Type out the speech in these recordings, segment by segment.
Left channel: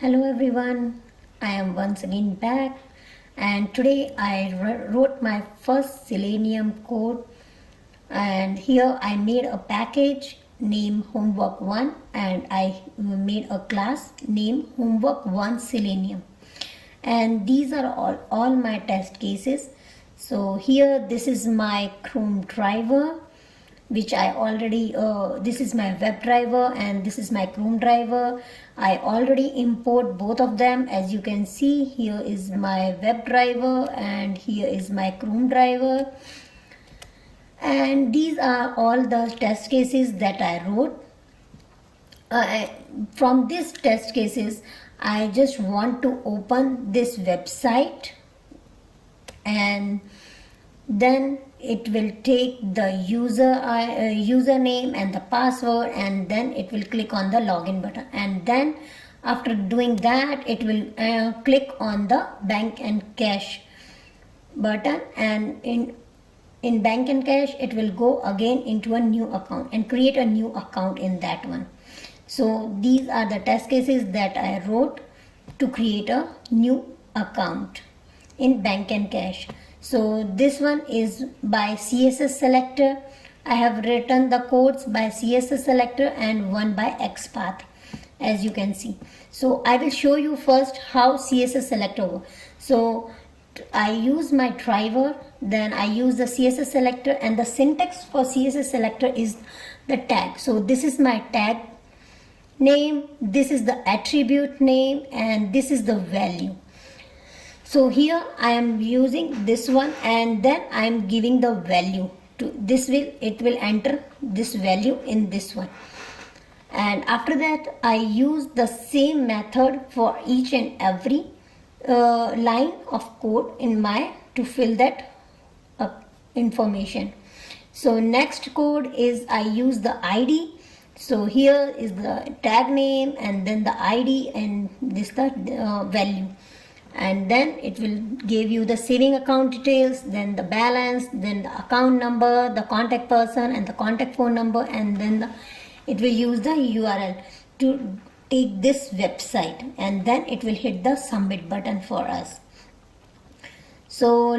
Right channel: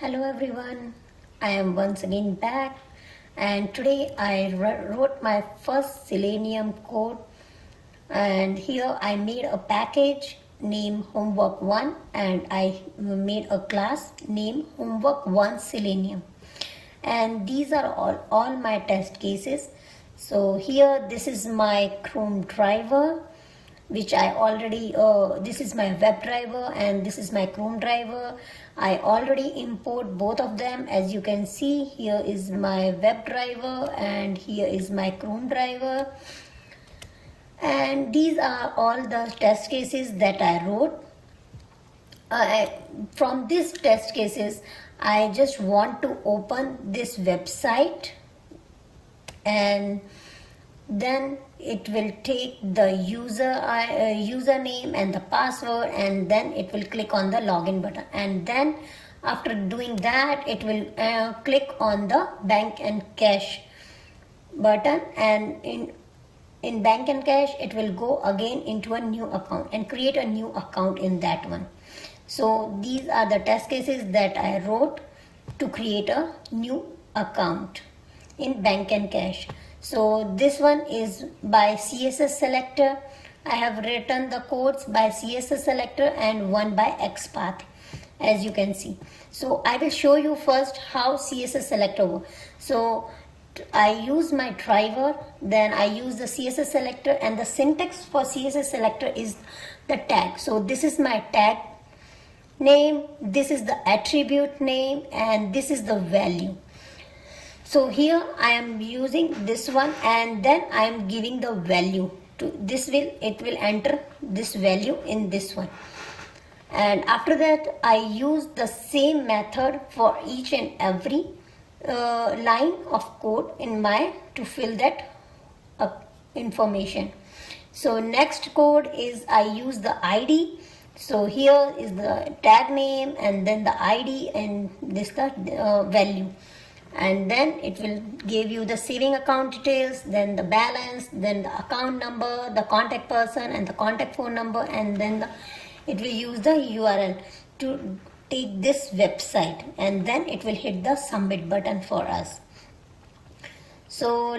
Hello everyone, I am once again back and today I wrote my first Selenium code, and here I made a package named Homework1 and I made a class named Homework1 Selenium, and these are all my test cases. So here this is my Chrome driver, which I already, this is my web driver and this is my Chrome driver. I already import both of them. As you can see, here is my web driver and here is my Chrome driver. And these are all the test cases that I wrote. From these test cases, I just want to open this website, and then it will take the username and the password, and then it will click on the login button, and then after doing that it will click on the bank and cash button, and in bank and cash it will go again into a new account and create a new account in that one. So these are the test cases that I wrote to create a new account in bank and cash. So this one is by CSS selector. I have written the codes by CSS selector and one by XPath, as you can see. So I will show you first how CSS selector works. So I use my driver, then I use the CSS selector, and the syntax for CSS selector is the tag. So this is my tag name, this is the attribute name, and this is the value. So here I am using this one, and then I am giving the value to this. It will enter this value in this one, and after that I use the same method for each and every line of code in my to fill that information. So next code is I use the ID. So here is the tag name and then the ID and this the value, and then it will give you the saving account details, then the balance, then the account number, the contact person and the contact phone number, and then it will use the URL to take this website, and then it will hit the submit button for us. So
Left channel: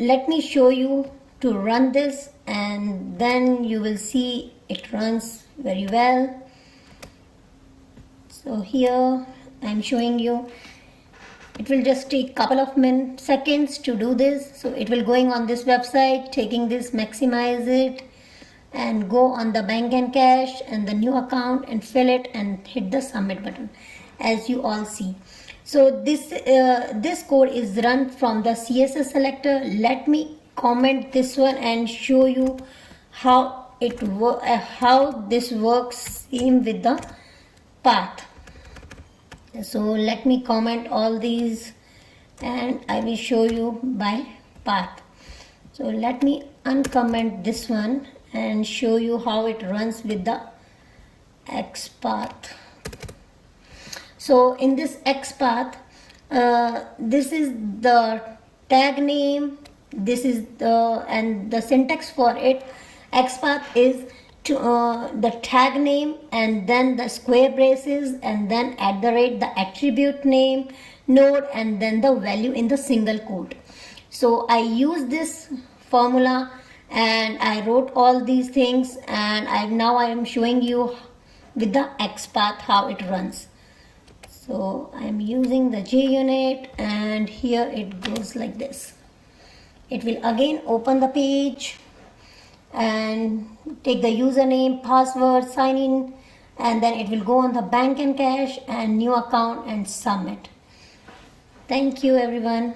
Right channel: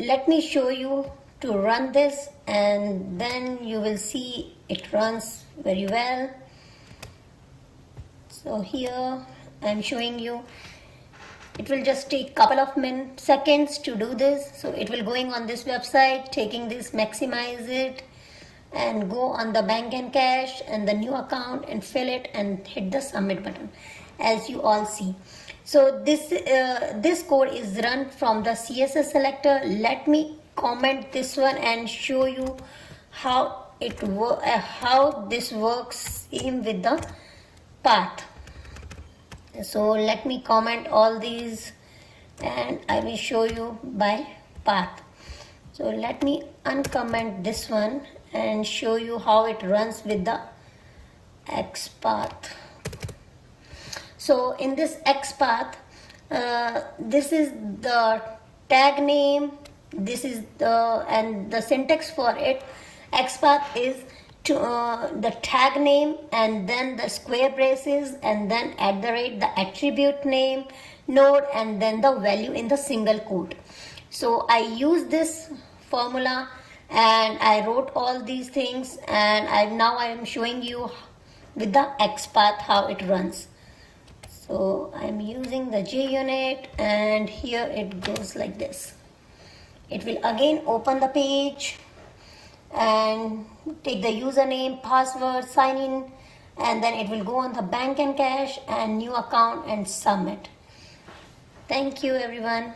let me show you to run this, and then you will see it runs very well. So here I am showing you. It will just take couple of seconds to do this. So it will going on this website, taking this, maximize it, and go on the bank and cash and the new account and fill it and hit the submit button, as you all see. So this code is run from the CSS selector. Let me comment this one and show you how how this works in with the path. So let me comment all these and I will show you by path. So let me uncomment this one and show you how it runs with the XPath. So in this XPath, this is the tag name, this is the syntax for it. XPath is to the tag name and then the square braces and then @ the attribute name node and then the value in the single quote. So I use this formula and I wrote all these things, and now I am showing you with the XPath how it runs. So I am using the JUnit, and here it goes like this. It will again open the page and take the username, password, sign in, and then it will go on the bank and cash and new account and submit. Thank you everyone.